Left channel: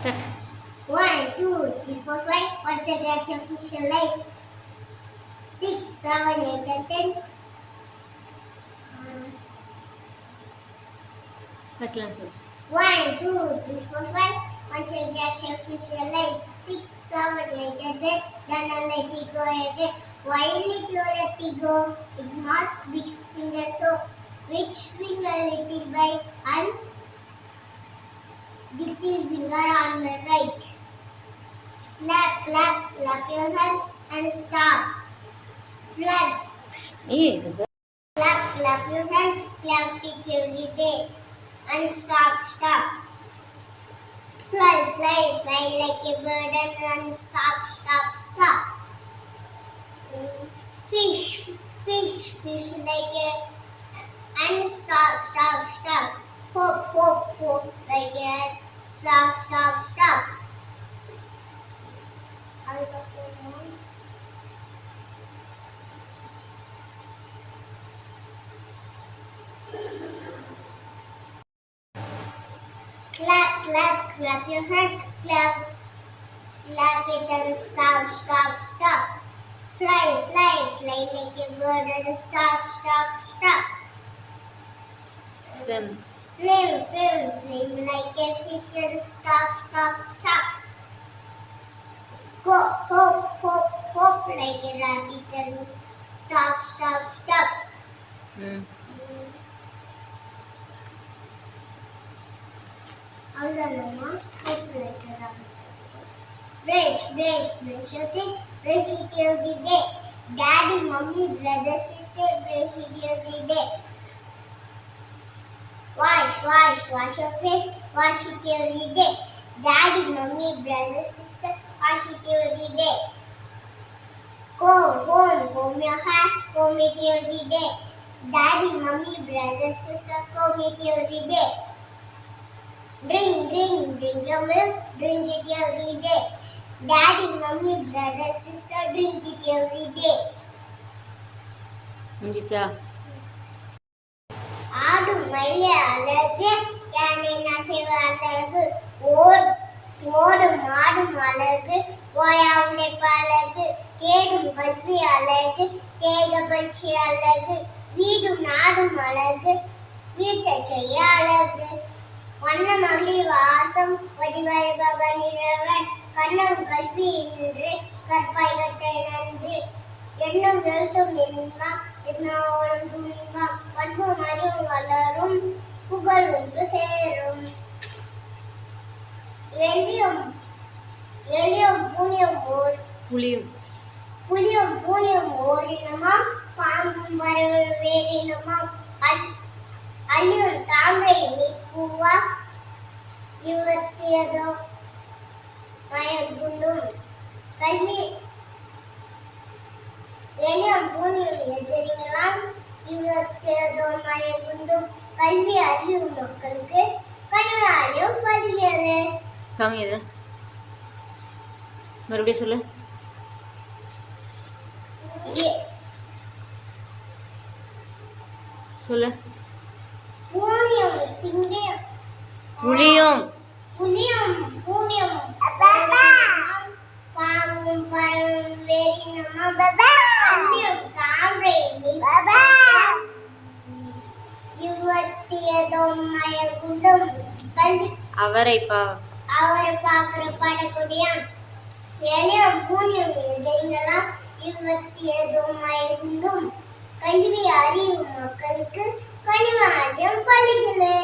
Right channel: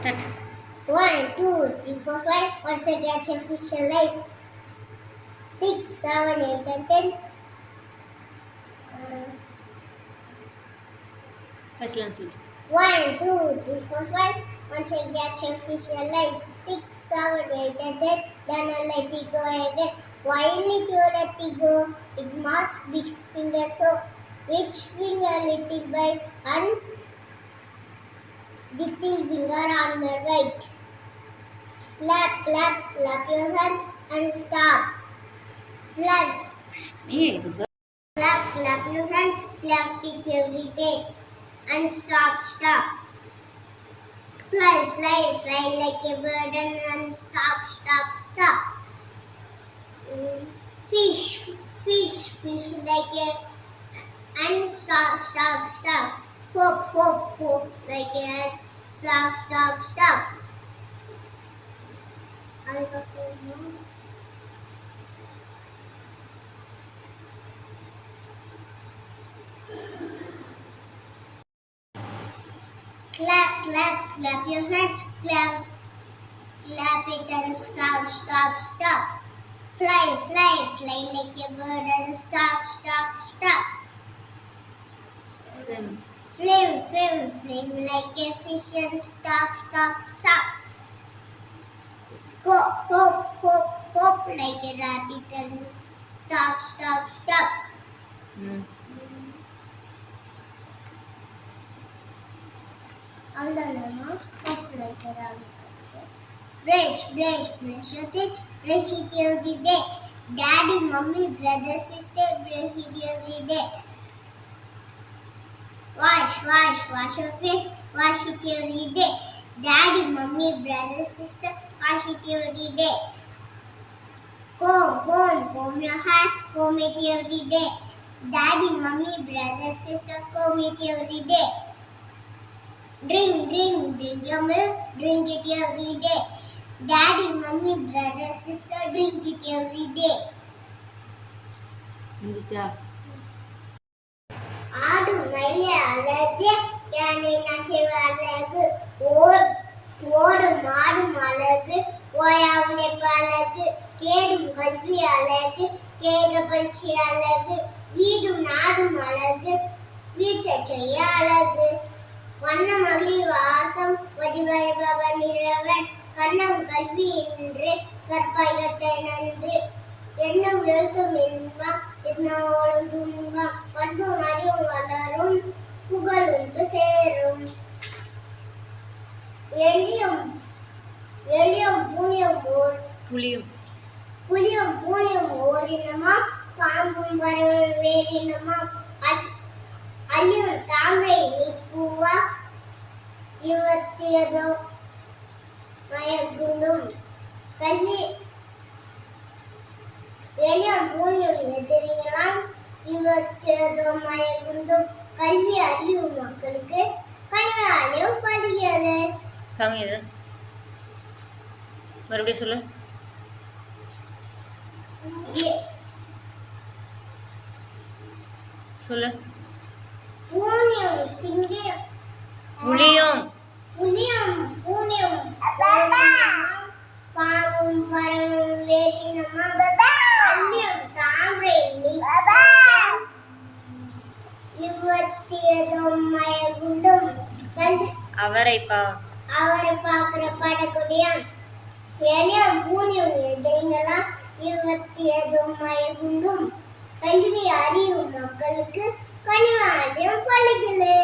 Start. 1, 2, 3, 4, 5. Once I catch a fish alive. 6, 7, 8, and 10. First answer. 1, 2, 3, 4, 5. Once I catch a fish alive. 6, 7, 8, and 10. Then I let it go again. Why did you let it go? It must big finger. So, which finger little by and little finger on the right? Clap, clap, clap your hands and stop. Flap, Good. clap, clap your hands, clap it every day. And stop, stop. Fly, fly, fly like a bird and stop, stop, stop. Fish, fish, fish like a and stop, stop, stop. Hop, hop, hop like a stop, stop, stop. Clap, clap, clap your hands, clap, clap it and stop, stop, stop. Fly, fly, fly like a bird and stop, stop, stop. Swim. Flame, flame, flame like a fish and stop, stop, stop. Go, hop, hop, hop like a rabbit and stop, stop, stop. Mama, hop like a rabbit. Brush, brush, brush your teeth, brush it every day. Daddy, mommy, brother, sister, brush it every day. Wash, wash, wash your face, wash it every day. Daddy, mommy, brother, sister, wash it every day. Comb, comb, comb your hair, comb it every day. Daddy, mommy, brother, sister, comb it every day. Drink, drink, drink your milk, drink it every day. Daddy, mommy, brother, sister, drink it every day. முடிஞ்சா ஆடு மயில அழகு யானை நசைவ அழகு ஓடும் மாடும் அழகு ஓயா உழைப்பு அழகு தேடும் கல்வி அழகு தேக பயிற்சி அழகு வீடும் நாடும் அழகு வீட்டை செய்ய அழகு வண்ண மகளிர் வாசம் வடிவமைப்பவன் இறைவன் கண்ணம் கல்வி என்று கற்பகத்தை நன்றி எண்ணம் எழுத்தும் இன்பம் எண்ணோடும் துன்பம் பண்பும் அறிவும் வளரும் புகழ் உண்டு சேரும் எலியும் எலியும் பூனியும் புலியும் பூனியும் ஓரினமாம் பாம்பும் பறவை வேறினமாம் அள்ளியும் தாமரை நீப்புவா யுவத்தியதோ மயக்குண்டும் கல்வி எலியும் பூனியும் எதிரிகளாம் யுவத்தியதோ மயக்குண்டும் கல்வி அறிவும் மக்களுக்கு கனிவாயும் பலிகிறது. சாமி மறுபடியும் சொல்லு. சொல்லு. பூனியும் சிங்கம் புலியும் பூனியும் பாம்பும் பறவும் வேறினமாம் அள்ளியும் தாமரை யுவத்தியதும் மயகுண்டும் அவரை பார்க்கிற படக்கூடியான் எலியும் பூனியும் எதிரிகளாம் யுவத்தியதும் மயகுண்டும் கல்வி அறிவும் மக்களுக்கு கனிவாரியம் பழுகிறது.